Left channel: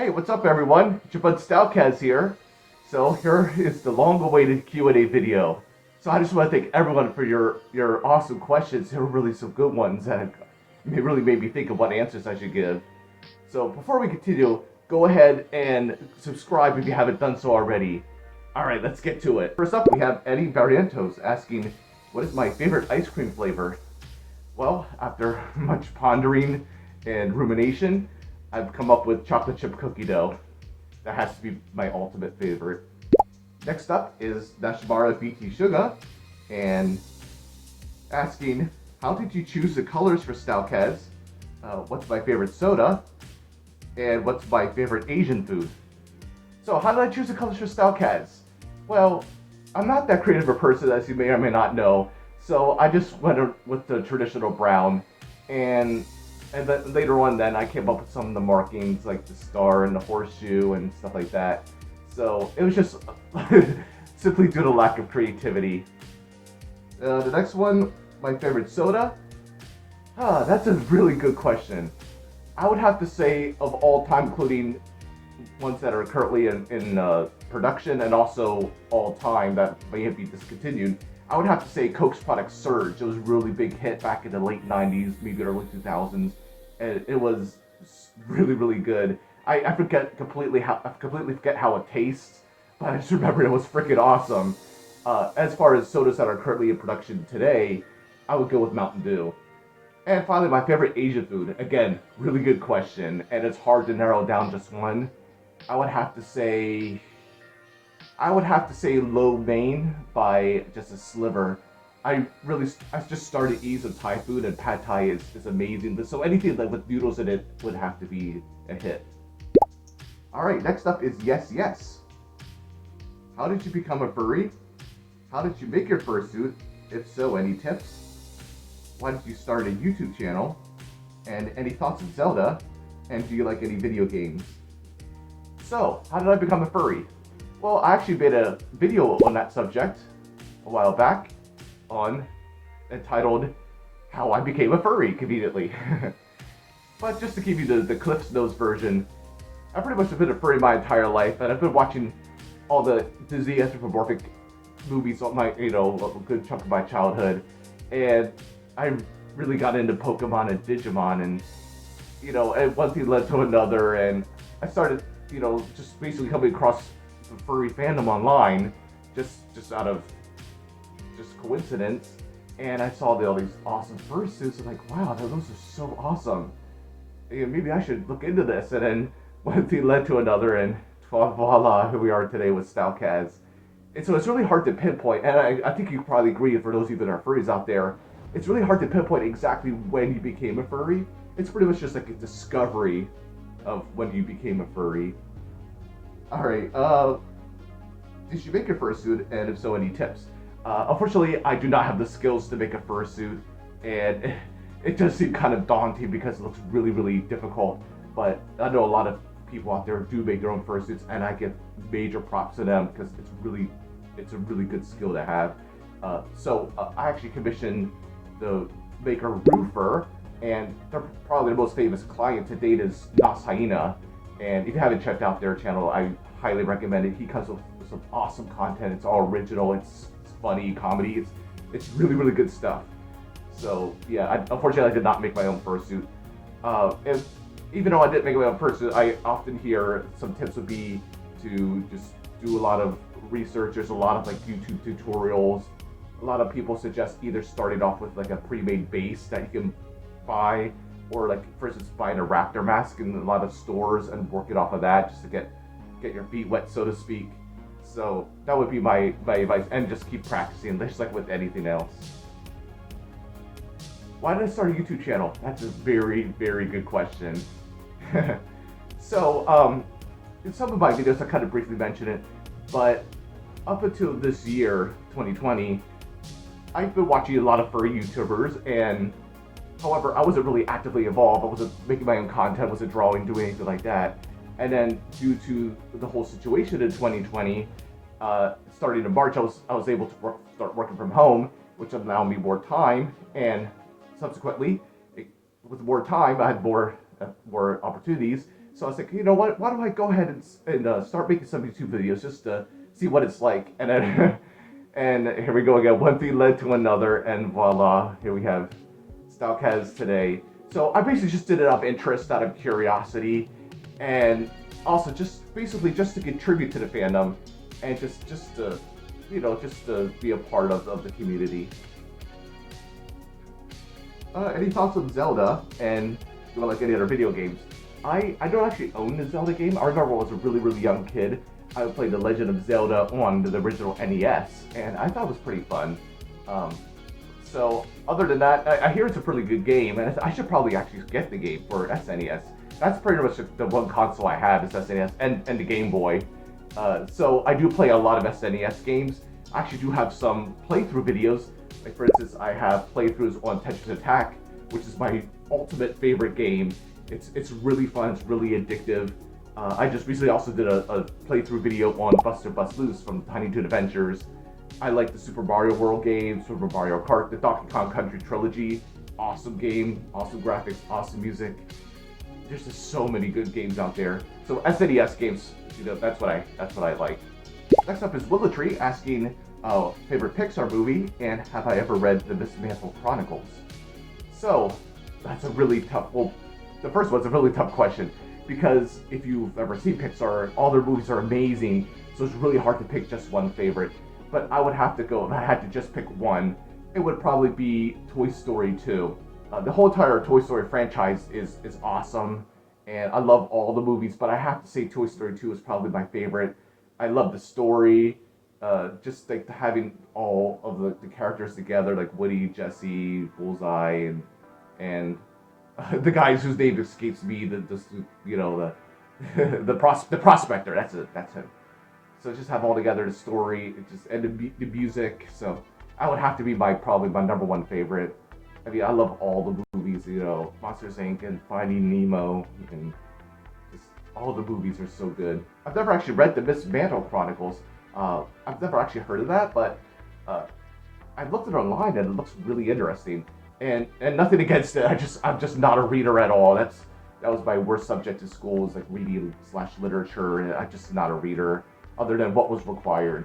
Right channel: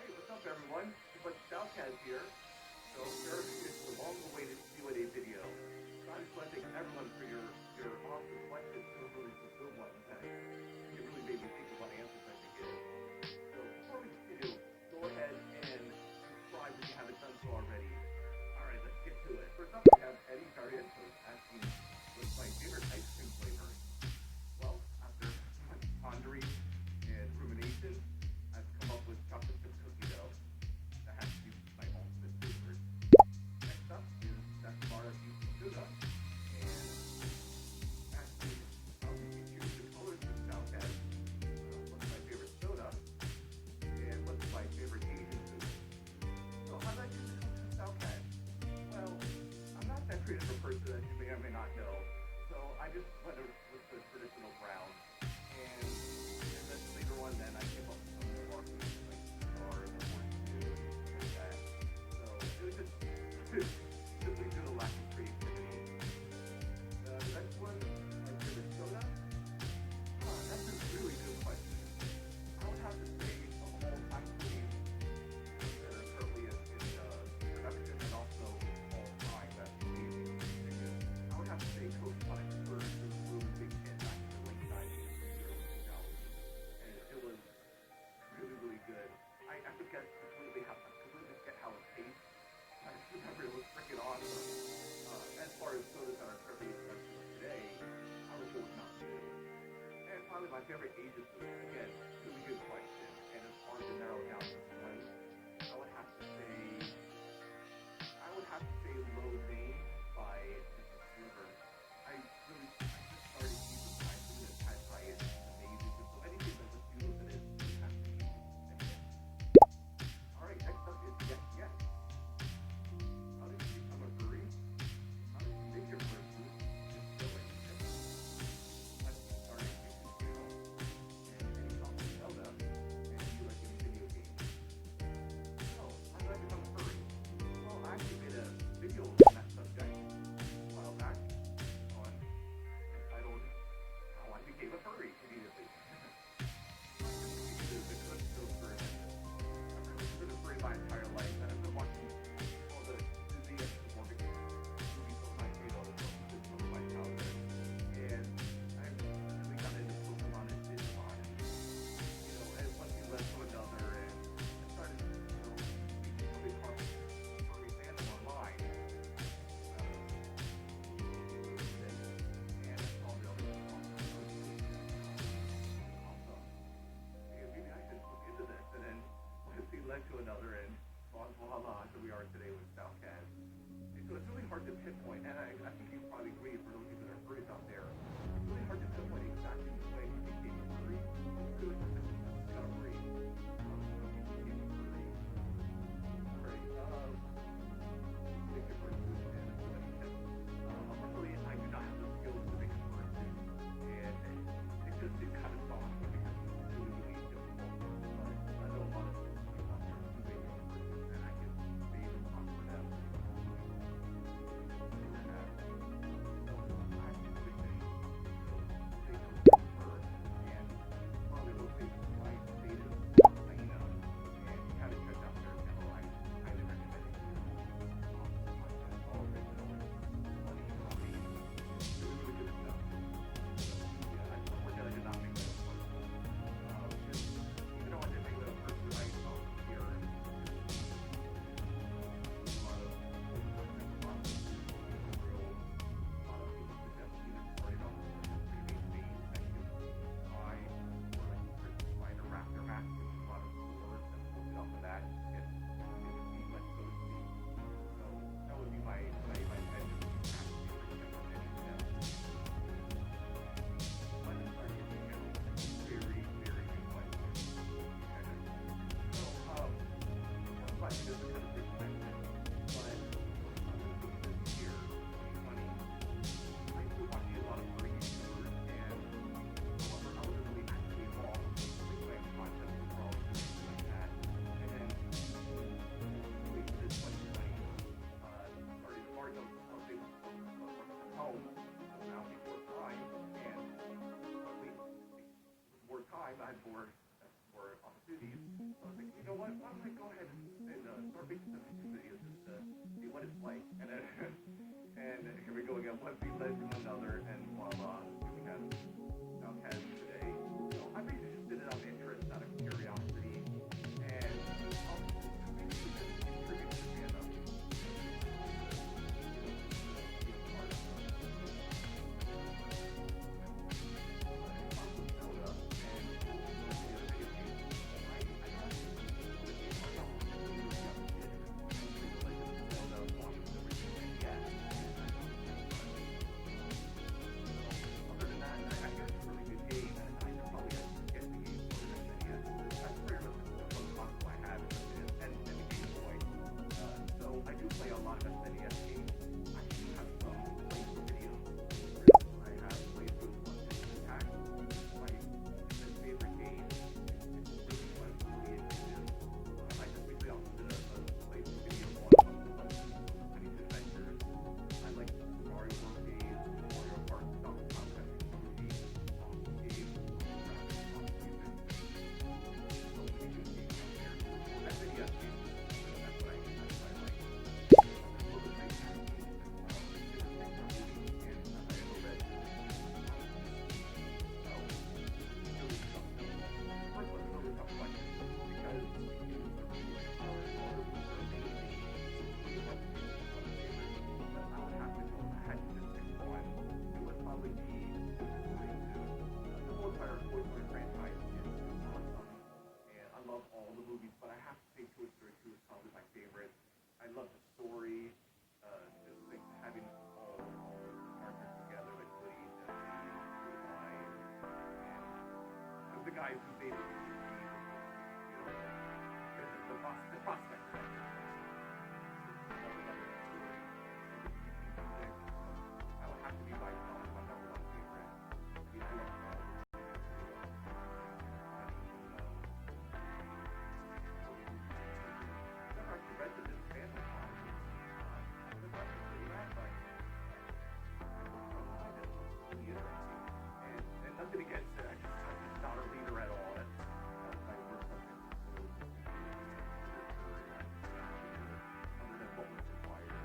Hey, what's up everyone? It's your bud Stalkaz here. So here is the long-awaited Q&A video. So I just want to thank everyone for your awesome questions. They were really some good ones and it really made me think of what answers I should give. So before we continue, go ahead and subscribe if you haven't done so already. Alright, let's get to it. First up, we have Eddie Barrientos asking, what is my favorite ice cream flavor? Well, after much pondering and rumination, I've come up with chocolate chip cookie dough. That has to be my ultimate favorite. Next up is Nashmara BT Suga, and asking, how did you choose the colors for Stalkaz? What's my favorite soda? And what's my favorite Asian food? So how did I choose the colors for Stalkaz? Well, I'm not that creative a person, as you may or may not know, so I just went with the traditional brown, and then later on then I came up with some of the markings like the star and the horseshoe and stuff like that. So it was just simply due to lack of creativity. The next one, my favorite soda? That's a really good question. I would have to say of all time, including ones that are currently in production and also all time that may be discontinued, I would have to say Coke's product Surge. It was a really big hit back in the late 90s, maybe early 2000s. And it was really, really good. I completely forget how it tastes, but I just remember it was freaking awesome. As far as sodas that are currently in production today, I would go with Mountain Dew. And finally, my favorite Asian food. Again, really good question, and it's hard to narrow down just one. I would have to say lo mein by just a sliver. I just started eating some Thai food, and pad Thai is amazing. But so anything like with noodles in it would have to be a hit. All right, next up is Yes. How did you become a furry? How did you make your fursuit? If so, any tips? Why did you start a YouTube channel? And any thoughts on Zelda? And do you like any video games? So, how did I become a furry? Well, I actually made a video on that subject a while back, entitled How I Became a Furry, conveniently. But just to give you the Cliff's Notes version, I pretty much have been a furry my entire life, and I've been watching all the Disney anthropomorphic movies all my, a good chunk of my childhood, and I really got into Pokemon and Digimon, and and one thing led to another, and I started, just basically coming across the furry fandom online, just out of coincidence, and I saw all these awesome fursuits, and like, wow, those are so awesome. Maybe I should look into this, and then one thing led to another, and voila, here we are today with Stalkaz. And so it's really hard to pinpoint, and I think you probably agree, for those of you that are furries out there, it's really hard to pinpoint exactly when you became a furry. It's pretty much just like a discovery of when you became a furry. Alright, did you make your fursuit, and if so, any tips? Unfortunately, I do not have the skills to make a fursuit, and it does seem kind of daunting because it looks really, really difficult. But I know a lot of people out there do make their own fursuits, and I give major props to them because it's a really good skill to have. So I actually commissioned the maker Roofer, and they're probably the most famous client to date is Nas Hyena. And if you haven't checked out their channel, I highly recommend it. He comes with some awesome content. It's all original. It's funny comedy. It's really, really good stuff. So yeah, unfortunately I did not make my own fursuit. And even though I didn't make my own fursuit, I often hear some tips would be to just do a lot of research. There's a lot of like YouTube tutorials. A lot of people suggest either starting off with like a pre-made base that you can buy, or like for instance buying a raptor mask in a lot of stores and working off of that just to get your feet wet, so to speak. So that would be my advice, and just keep practicing, just like with anything else. Why did I start a YouTube channel? That's a very, very good question. So, in some of my videos I kind of briefly mentioned it, but up until this year, 2020, I've been watching a lot of furry YouTubers, and however, I wasn't really actively involved. I wasn't making my own content, wasn't drawing, doing anything like that. And then due to the whole situation in 2020, starting in March, I was able to start working from home, which allowed me more time, and subsequently, with more time, I had more opportunities. So I was like, you know what? Why don't I go ahead and start making some YouTube videos just to see what it's like? And then and here we go again. One thing led to another, and voila, here we have Stalkaz today. So I basically just did it out of interest, out of curiosity, and also just basically just to contribute to the fandom, and just to just to be a part of the community. Any thoughts on Zelda and like any other video games? I don't actually own the Zelda game. I remember when I was a really young kid, I played The Legend of Zelda on the original NES, and I thought it was pretty fun. So other than that, I hear it's a pretty good game, and I should probably actually get the game for SNES. That's pretty much the one console I have is SNES and the Game Boy. So I do play a lot of SNES games. I actually do have some playthrough videos. Like for instance, I have playthroughs on Tetris Attack, which is my ultimate favorite game. It's really fun. It's really addictive. I just recently also did a playthrough video on Buster Bust Loose from Tiny Toon Adventures. I like the Super Mario World games, Super Mario Kart, the Donkey Kong Country trilogy. Awesome game, awesome graphics, awesome music. There's just so many good games out there. So SNES games, that's what I like. Next up is Glitchy asking favorite Pixar movie and have I ever read the Mismantled Chronicles? So that's a really tough. Well, the first one's a really tough question because if you've ever seen Pixar, all their movies are amazing. So it's really hard to pick just one favorite. But I would have to go, if I had to just pick one, it would probably be Toy Story 2. The whole entire Toy Story franchise is awesome, and I love all the movies, but I have to say Toy Story 2 is probably my favorite. I love the story, just like having all of the characters together, like Woody, Jesse, Bullseye, and the guys whose name escapes me, the prospector, that's it, that's him. So just have all together the story, and the music. So I would have to be probably my number one favorite. I mean, I love all the movies, Monsters Inc. and Finding Nemo, and just all the movies are so good. I've never actually read the Mismantled Chronicles. I've never actually heard of that, but I've looked it online and it looks really interesting. And nothing against it. I'm just not a reader at all. That was my worst subject in school, was like reading / literature, and I'm just not a reader other than what was required.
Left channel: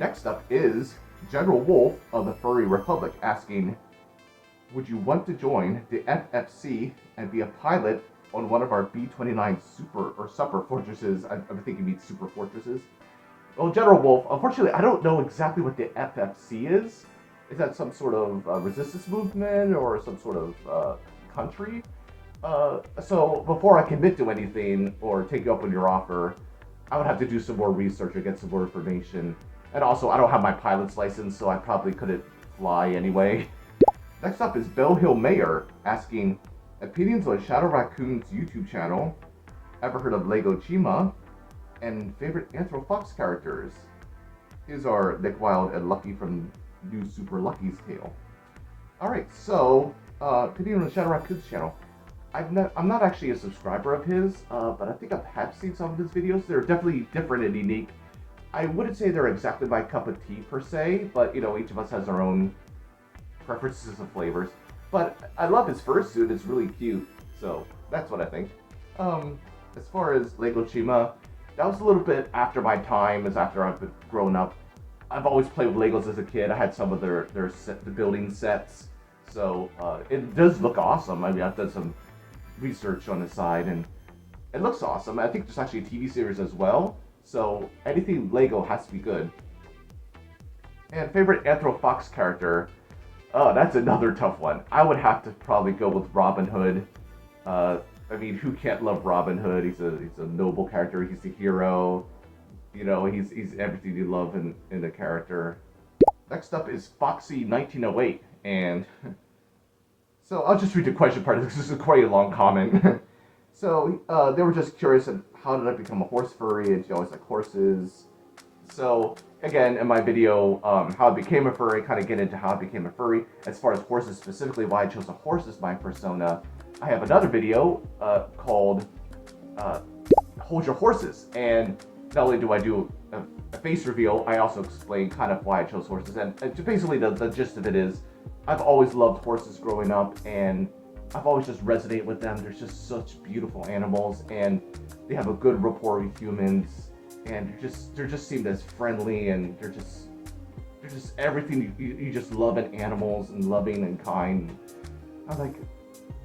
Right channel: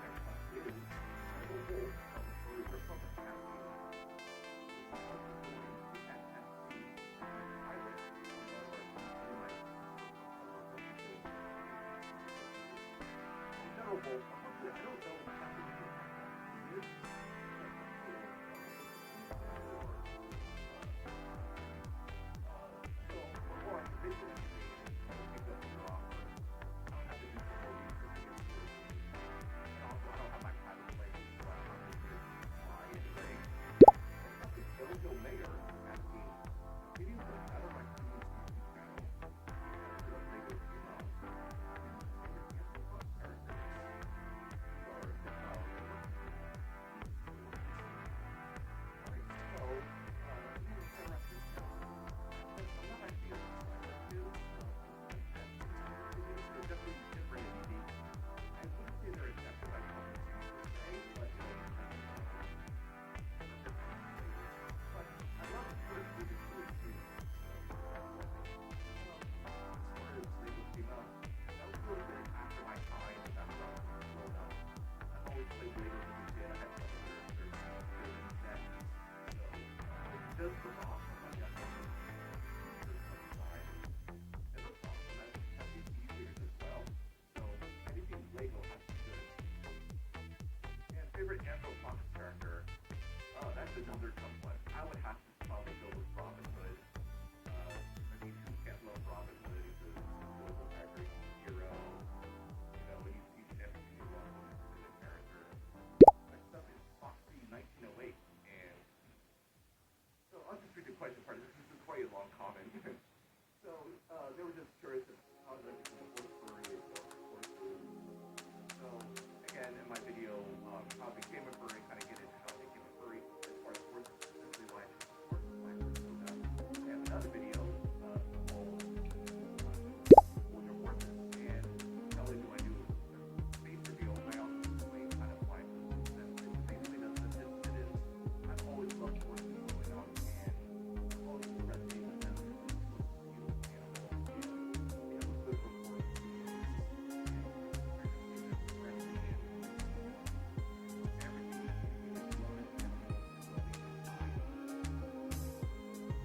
Next up is General Wolf of the Furry Republic asking, would you want to join the FFC and be a pilot on one of our B-29 super fortresses? I think you mean super fortresses. Well, General Wolf, unfortunately, I don't know exactly what the FFC is. Is that some sort of resistance movement or some sort of country? So before I commit to anything or take you up on your offer, I would have to do some more research or get some more information. And also, I don't have my pilot's license, so I probably couldn't fly anyway. Next up is Bell Hill Mayor asking, opinions on Shadow Raccoon's YouTube channel, ever heard of Lego Chima, and favorite Anthro Fox characters. These are Nick Wilde and Lucky from New Super Lucky's Tale. Alright, so, opinion on Shadow Raccoon's channel. I'm not actually a subscriber of his, but I think I have seen some of his videos. They're definitely different and unique. I wouldn't say they're exactly my cup of tea per se, but each of us has our own preferences and flavors. But I love his fursuit, it's really cute, so that's what I think. As far as Lego Chima, that was a little bit after my time, as after I've grown up. I've always played with Legos as a kid. I had some of the building sets, so it does look awesome. I mean, I've done some research on the side, and it looks awesome. I think there's actually a TV series as well, so anything Lego has to be good. And favorite Anthro Fox character? Oh, that's another tough one. I would have to probably go with Robin Hood. I mean, who can't love Robin Hood? He's a noble character. He's the hero. He's everything you love in a character. Next up is Foxy 1908, and so I'll just read the question part. This is quite a long comment. So they were just curious on how did I become a horse furry, and she always liked horses. So again, in my video, how I became a furry, kind of get into how I became a furry. As far as horses specifically, why I chose a horse as my persona, I have another video called Hold Your Horses, and not only do I do a face reveal, I also explain kind of why I chose horses. And basically the gist of it is, I've always loved horses growing up, and I've always just resonated with them. They're just such beautiful animals, and they have a good rapport with humans, and they're just seem as friendly, and they're just everything you just love in animals, and loving and kind. I'm like,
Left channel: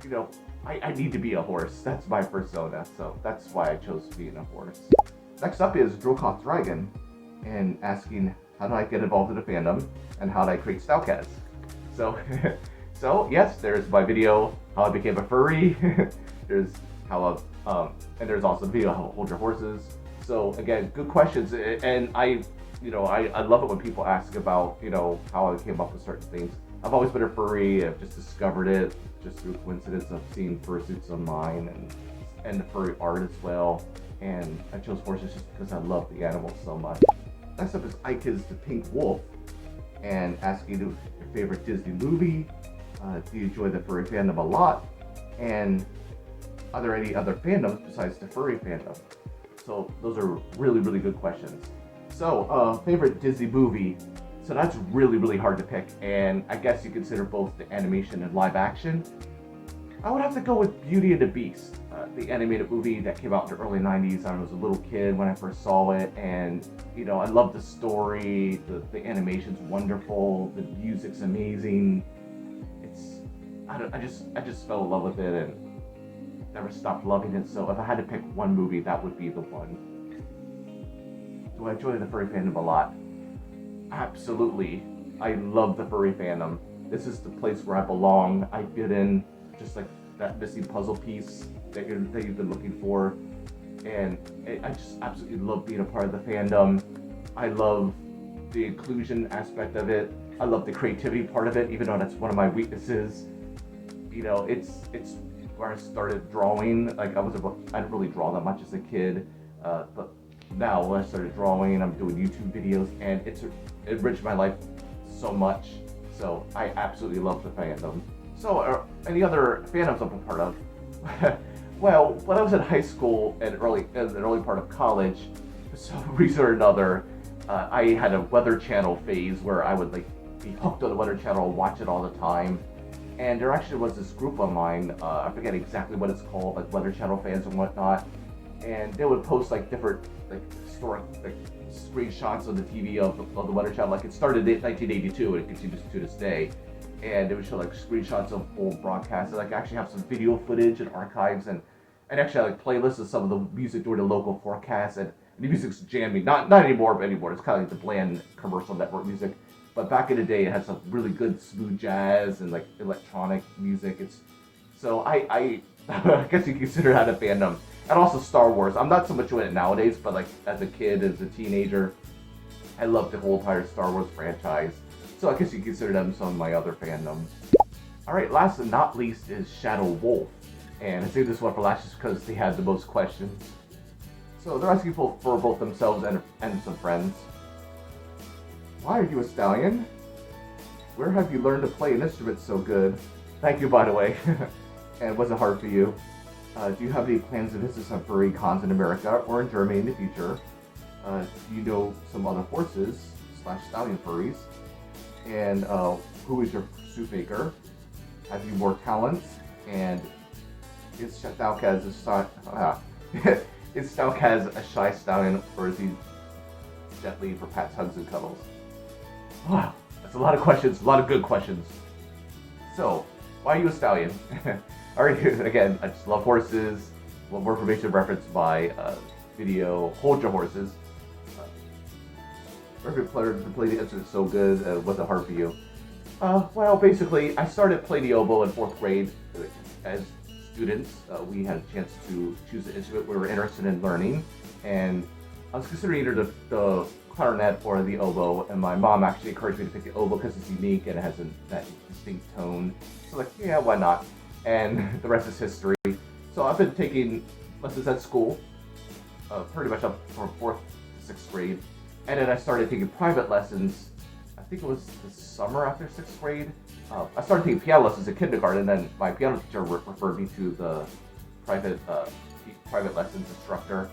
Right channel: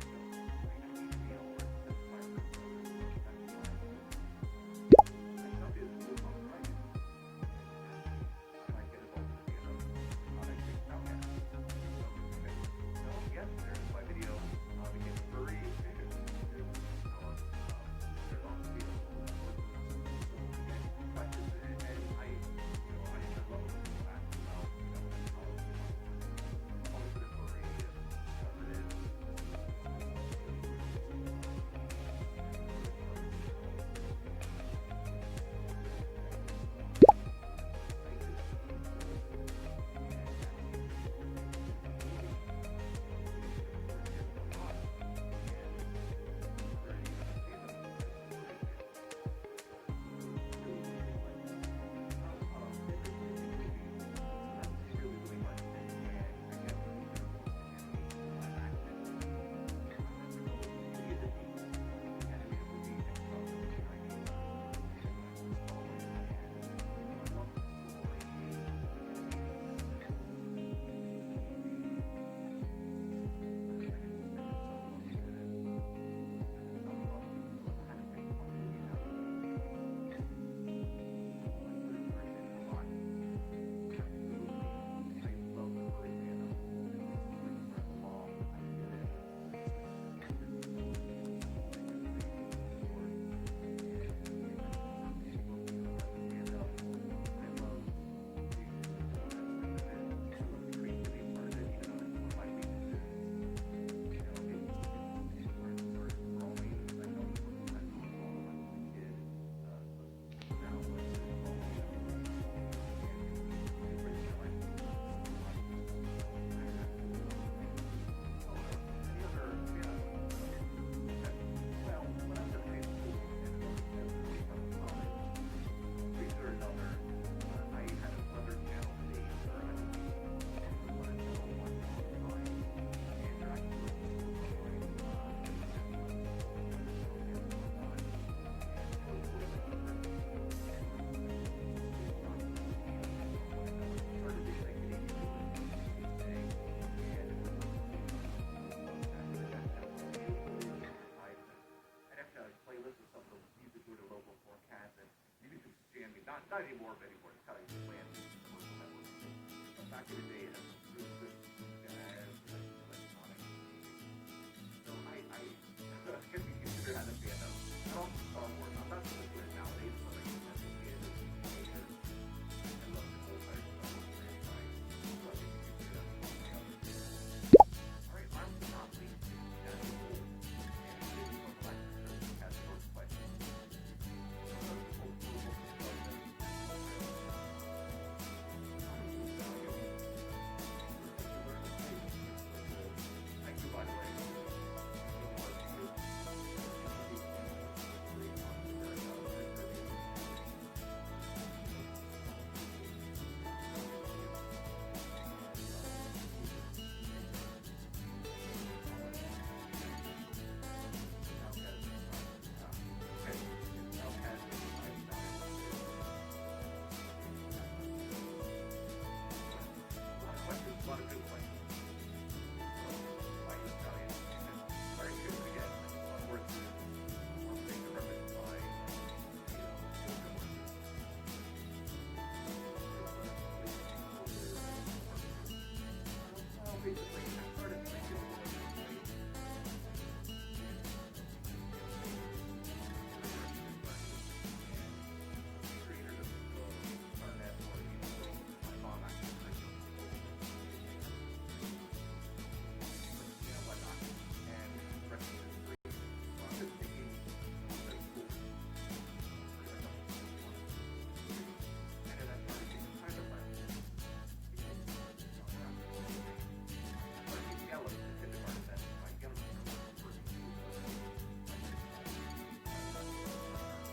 you know, I need to be a horse. That's my persona, so that's why I chose being a horse. Next up is Girlhop Dragon, and asking how did I get involved in the fandom, and how did I create Stalkaz. So, so yes, there's my video how I became a furry. There's how and there's also a video how to hold your horses. So again, good questions, and I love it when people ask about how I came up with certain things. I've always been a furry. I've just discovered it just through coincidence of seeing fursuits online and the furry art as well. And I chose horses just because I love the animals so much. Next up is Ike is the Pink Wolf, and asking your favorite Disney movie. Do you enjoy the furry fandom a lot? And are there any other fandoms besides the furry fandom? So those are really, really good questions. So favorite Disney movie. So that's really, really hard to pick, and I guess you consider both the animation and live action. I would have to go with Beauty and the Beast, the animated movie that came out in the early 90s. I was a little kid when I first saw it, and I love the story, the animation's wonderful, the music's amazing. I just fell in love with it and never stopped loving it. So if I had to pick one movie, that would be the one. Do I enjoy the furry fandom a lot? Absolutely. I love the furry fandom. This is the place where I belong. I fit in, just like that missing puzzle piece that you've been looking for. And I just absolutely love being a part of the fandom. I love the inclusion aspect of it. I love the creativity part of it, even though that's one of my weaknesses. It's where I started drawing. Like I didn't really draw that much as a kid, but now when I started drawing, I'm doing YouTube videos, and it's enriched my life so much. So I absolutely love the fandom. So any other fandoms I'm a part of? Well, when I was in high school and the early part of college, for some reason or another, I had a Weather Channel phase where I would be hooked on the Weather Channel and watch it all the time. And there actually was this group of mine, I forget exactly what it's called, like Weather Channel fans and whatnot. And they would post different historic screenshots on the TV of the Weather Channel. Like it started in 1982 and it continues to this day. And they would show screenshots of old broadcasts. And actually have some video footage and archives, and actually playlists of some of the music during the local forecast. And the music's jamming. Not anymore, but anymore. It's kind of like the bland commercial network music. But back in the day, it had some really good smooth jazz and electronic music. So I guess you consider that a fandom. And also Star Wars. I'm not so much doing it nowadays, but as a kid, as a teenager, I loved the whole entire Star Wars franchise. So I guess you consider them some of my other fandoms. Alright, last but not least is Shadow Wolf. And I say this one for last just because they had the most questions. So they're asking for both themselves and some friends. Why are you a stallion? Where have you learned to play an instrument so good? Thank you, by the way. And was it hard for you? Do you have any plans to visit some furry cons in America or in Germany in the future? Do you know some other horses / stallion furries? And who is your suit maker? Have you more talents? And is Stalkaz a shy stallion, or is he definitely for pats, hugs, and cuddles? Wow, that's a lot of questions, a lot of good questions. So, why are you a stallion? Alright, again, I just love horses. Love more information referenced by video Hold Your Horses. Perfect player to play the instrument so good. Was it hard for you? Well, basically, I started playing the oboe in 4th grade. As students, we had a chance to choose an instrument we were interested in learning, and I was considering either the clarinet or the oboe, and my mom actually encouraged me to pick the oboe because it's unique and it has that distinct tone. So yeah, why not? And the rest is history. So I've been taking lessons at school, pretty much up from 4th to 6th grade, and then I started taking private lessons. I think it was the summer after 6th grade. I started taking piano lessons in kindergarten, and then my piano teacher referred me to the private lessons instructor.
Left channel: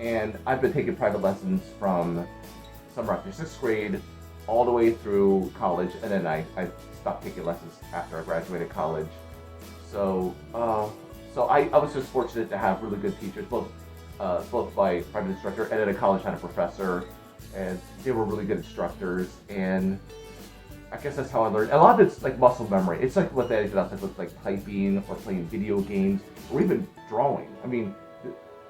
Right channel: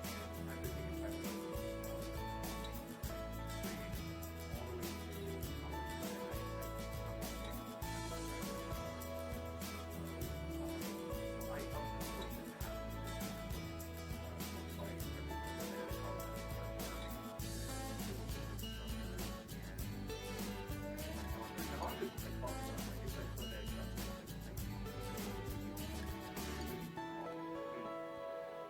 And I've been taking private lessons from summer after 6th grade all the way through college, and then I stopped taking lessons after I graduated college. So I was just fortunate to have really good teachers, both my private instructor and at a college had a professor, and they were really good instructors. And I guess that's how I learned. A lot of it's like muscle memory. It's like what that is with like typing or playing video games or even drawing. I mean,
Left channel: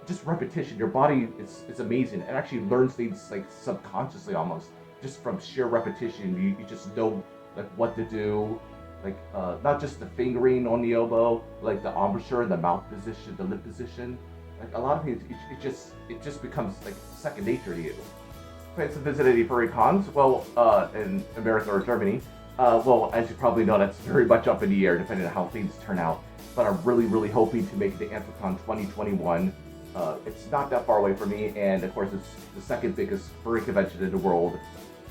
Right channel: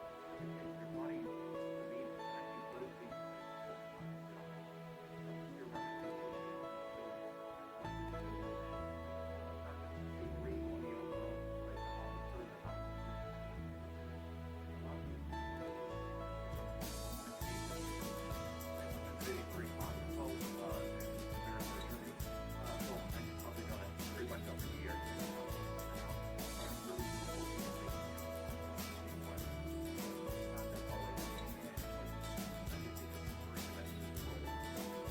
just repetition. Your body is amazing. It actually learns things like subconsciously almost just from sheer repetition. You just know like what to do. Like not just the fingering on the elbow, like the embouchure, the mouth position, the lip position. Like a lot of things, it just becomes like second nature to you. Plans to visit any furry cons? Well, in America or Germany. Well, as you probably know, that's very much up in the air depending on how things turn out. But I'm really hoping to make it to Anthrocon 2021. It's not that far away from me, and of course, it's the second biggest furry convention in the world,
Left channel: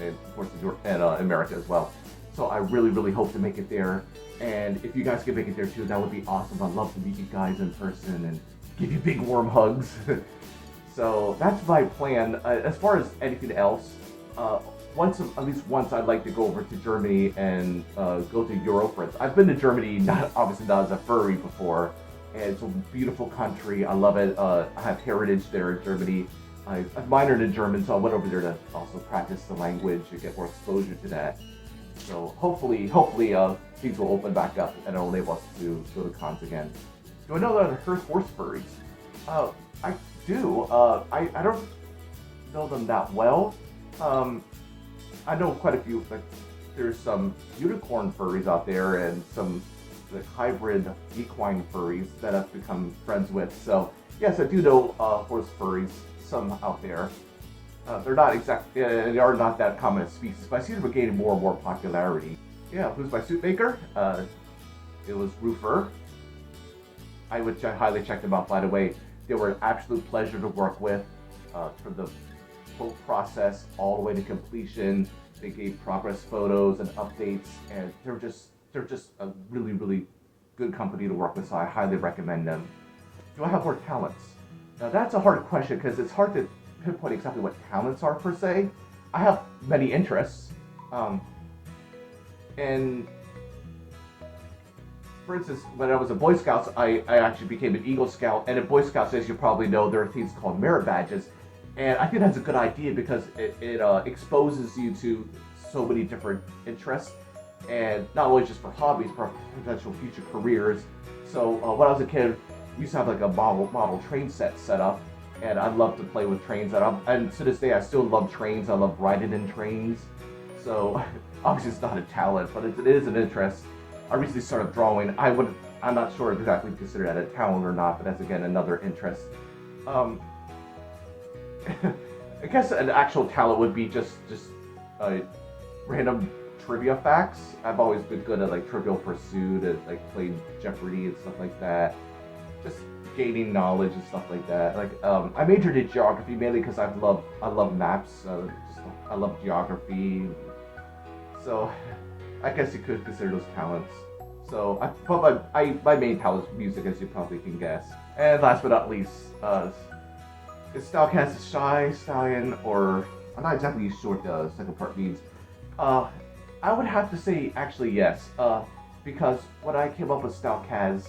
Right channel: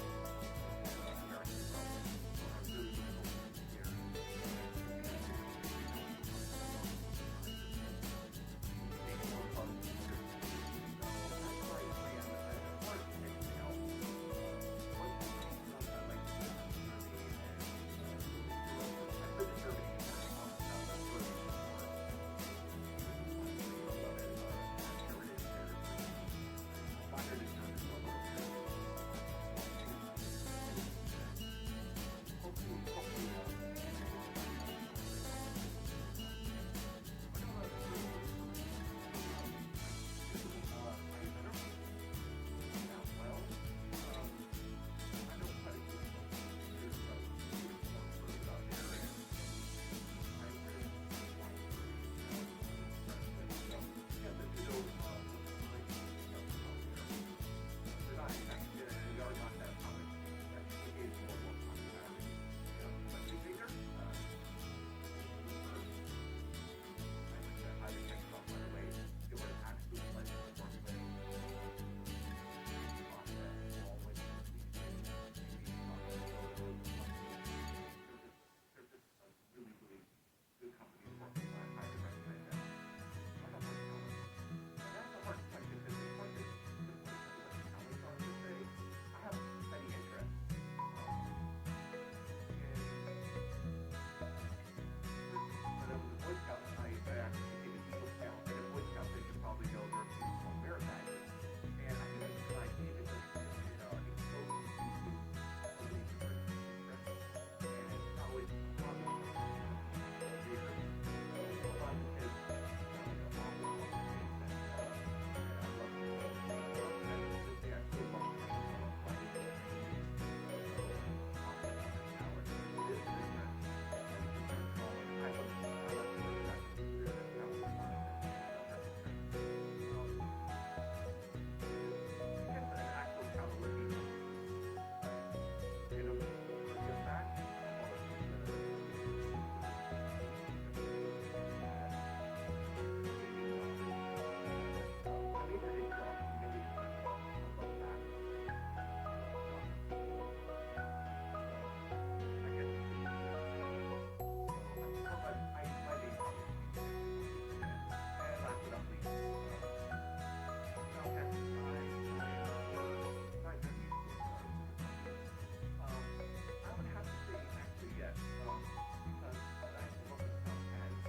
and of course, in America as well. So I really hope to make it there. And if you guys can make it there too, that would be awesome. I'd love to meet you guys in person and give you big warm hugs. So that's my plan. As far as anything else, at least once I'd like to go over to Germany and go to Europe. I've been to Germany, obviously not as a furry before, and it's a beautiful country. I love it. I have heritage there in Germany. I minored in German, so I went over there to also practice the language and get more exposure to that. So hopefully things will open back up and it'll enable us to go to cons again. Do I know that I've heard horse furries? I do. I don't know them that well. I know quite a few. Like, there's some unicorn furries out there and some hybrid equine furries that I've become friends with. So yes, I do know horse furries, some out there. They are not that common a species, but I see them gaining more and more popularity. Yeah, who's my suit maker? It was Roofer. I would highly check them out, by the way. They were an absolute pleasure to work with from the whole process all the way to completion. They gave progress photos and updates, and they're just a really good company to work with, so I highly recommend them. Do I have more talents? Now that's a hard question because it's hard to pinpoint exactly what talents are per se. I have many interests, and for instance, when I was a Boy Scout, I actually became an Eagle Scout, and in Boy Scouts, as you probably know, there are things called merit badges, and I think that's a good idea because it exposes you to so many different interests, and not only just for hobbies, but potential future careers. So when I was a kid, we used to have like a model train set up, and I love to play with trains. And to this day, I still love trains. I love riding in trains. So obviously, it's not a talent, but it is an interest. I recently started drawing. I'm not sure exactly consider that a talent or not, but that's again another interest. I guess an actual talent would be just random trivia facts. I've always been good at like Trivial Pursuit and like playing Jeopardy and stuff like that. Just gaining knowledge and stuff like that. Like I majored in geography mainly because I love maps. I love geography. So I guess you could consider those talents. So my main talent is music, as you probably can guess. And last but not least, is Stalkaz a shy stallion, or I'm not exactly sure what the second part means. I would have to say actually yes, because when I came up with Stalkaz,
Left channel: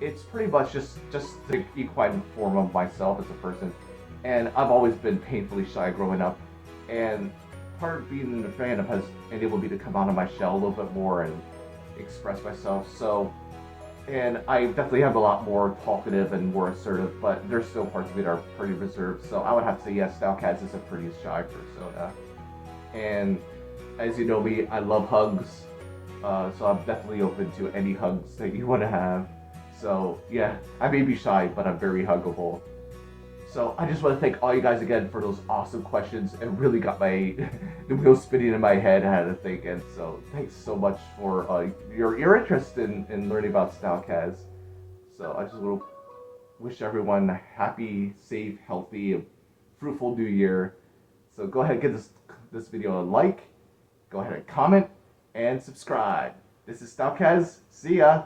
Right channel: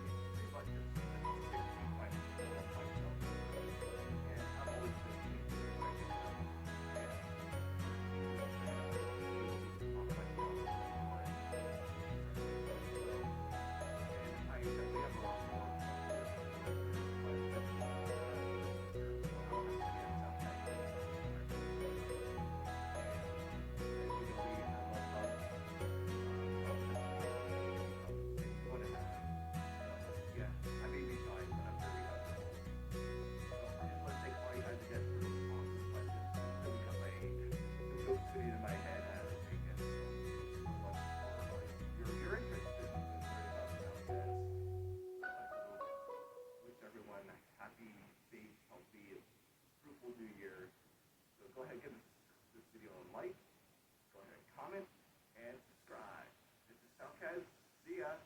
it's pretty much just the equine form of myself as a person, and I've always been painfully shy growing up, and part of being in the fandom has enabled me to come out of my shell a little bit more and express myself. So, and I definitely have a lot more talkative and more assertive, but there's still parts of it that are pretty reserved. So I would have to say yes, Stalkaz is a pretty shy persona. And as you know me, I love hugs, so I'm definitely open to any hugs that you want to have. So yeah, I may be shy, but I'm very huggable. So I just want to thank all you guys again for those awesome questions. It really got the wheels spinning in my head. I had to think, and so thanks so much for your interest in learning about Stalkaz. So I just want to wish everyone a happy, safe, healthy, fruitful new year. So go ahead and give this video a like, go ahead and comment, and subscribe. This is Stalkaz. See ya!